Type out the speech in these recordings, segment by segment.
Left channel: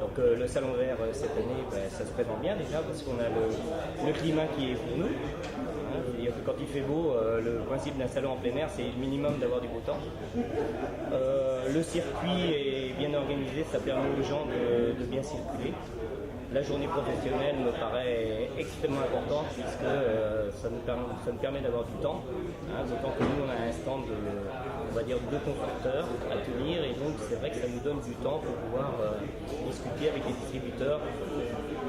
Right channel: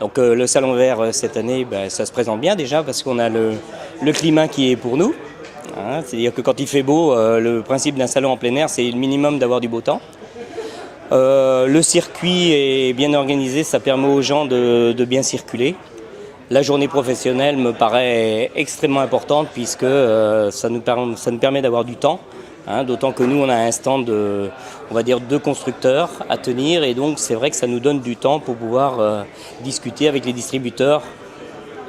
Donc le Salon Vert cette année, ça se présente bien déjà parce qu'on a le climat qui est pour nous. Hein, c'est-à-dire que quand il fait beau, le principe d'un salon en plein air, c'est le minimum d'avoir du beau temps. Le circuit est bien organisé, ça permet aux gens de bien circuler. La journée professionnelle me paraît extrêmement importante puisque ça nous permet d'avoir du temps. Hein, d'autant que nous, on a un stand on va dire, de constructeurs à tenir et donc c'est vrai que ça nous donne du temps pour pouvoir discuter avec les distributeurs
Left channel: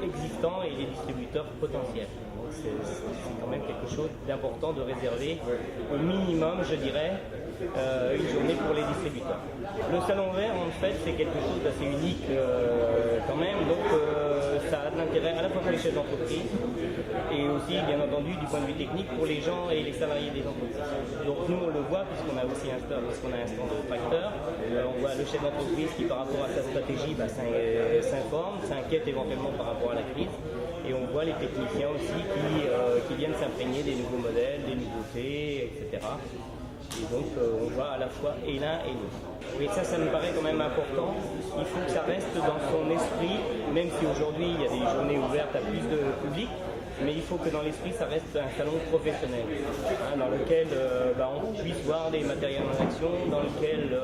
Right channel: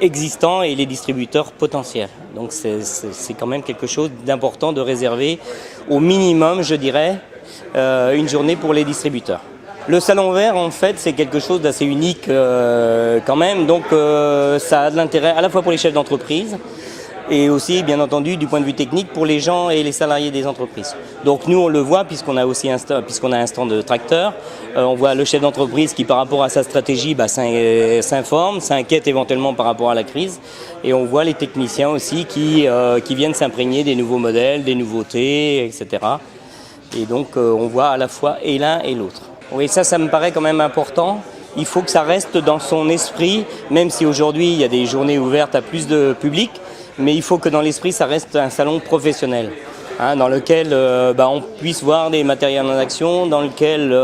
existants et les distributeurs potentiels. Donc c'est quand même quelque chose d'important de réserver au minimum, je dirais, une journée pour les distributeurs. Le Salon Vert, en fait, c'est quelque chose d'assez unique quand même, donc ça a de l'intérêt à la fois pour les chefs d'entreprise, et aussi, bien entendu, du point de vue technique pour les gens et les salariés des entreprises. Donc nous, on le voit puisqu'on a aussi un stand de tracteurs. On voit le chef d'entreprise qui, par rapport à sa stratégie, s'informe, s'inquiète éventuellement par rapport à la crise. Et on voit les techniciens aussi qui viennent s'imprégner des nouveaux modèles, des nouveautés, etc. Et donc, on voit à la fois et l'un et l'autre. Oui, ça me paraît quand même important. Il faut que ça reste dans son esprit, même si aujourd'hui, il y a des journées ouvertes à plus de public. Mais il faut que dans l'esprit, ça reste un salon professionnel, hein, dans lequel on puisse voir des matériels en action, dans lequel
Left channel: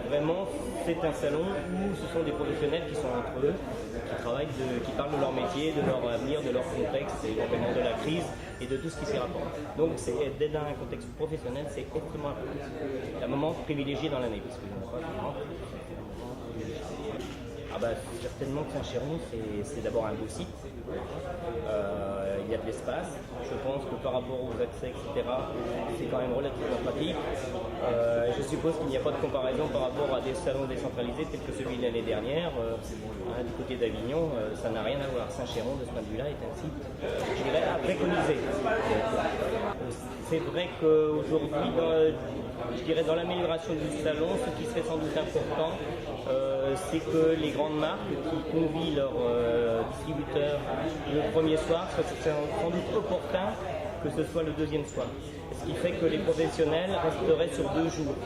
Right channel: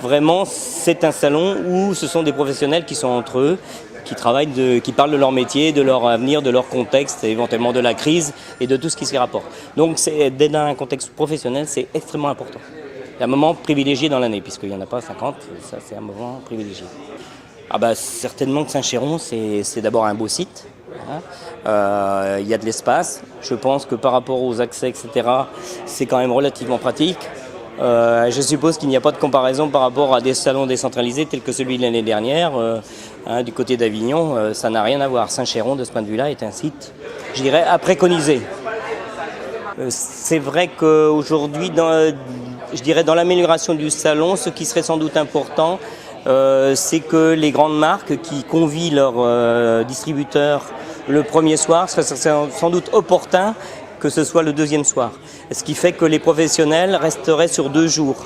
vraiment c'est un salon où ce sont des professionnels qui sont entre eux, qui travaillent, qui parlent de leur métier, de leur avenir, de leur contexte, éventuellement de la crise et de tout ce qui s'y rapporte. Donc d'être dans un contexte professionnel, c'est extrêmement important. C'est un moment privilégié dans l'année, puisqu'il n'y en a pas 50, ça c'est un moment privilégié. Certainement que Saint-Chéron, c'est d'abord un beau site. Il y a de l'espace. Je pense que par rapport aux accès, etc., c'est quand même relativement pratique. Je suppose qu'il n'y a pas de comparaison par rapport à des salons décentralisés tels que celui de l'année dernière. Du côté d'Avignon, ça n'a rien à voir. Saint-Chéron, de ce point de vue-là, est un site, je dirais, à préconiser. C'est vrai qu'aujourd'hui, je dirais dans l'amélioration du salon, ce qui serait sans doute important, c'est que les grandes marques qui convient leurs distributeurs le premier soir, ce serait sans doute opportun que ce soit le deuxième soir. Ce qui fait que les professionnels resteraient sur 2 jours.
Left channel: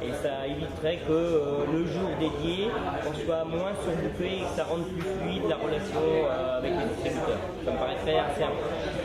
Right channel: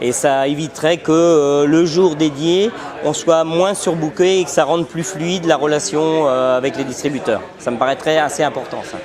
Et ça éviterait que le jour dédié, on soit moins surbooké et que ça rende plus fluide la relation avec les distributeurs. Ça me paraîtrait assez important, ça.